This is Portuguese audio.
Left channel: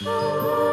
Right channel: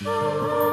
Música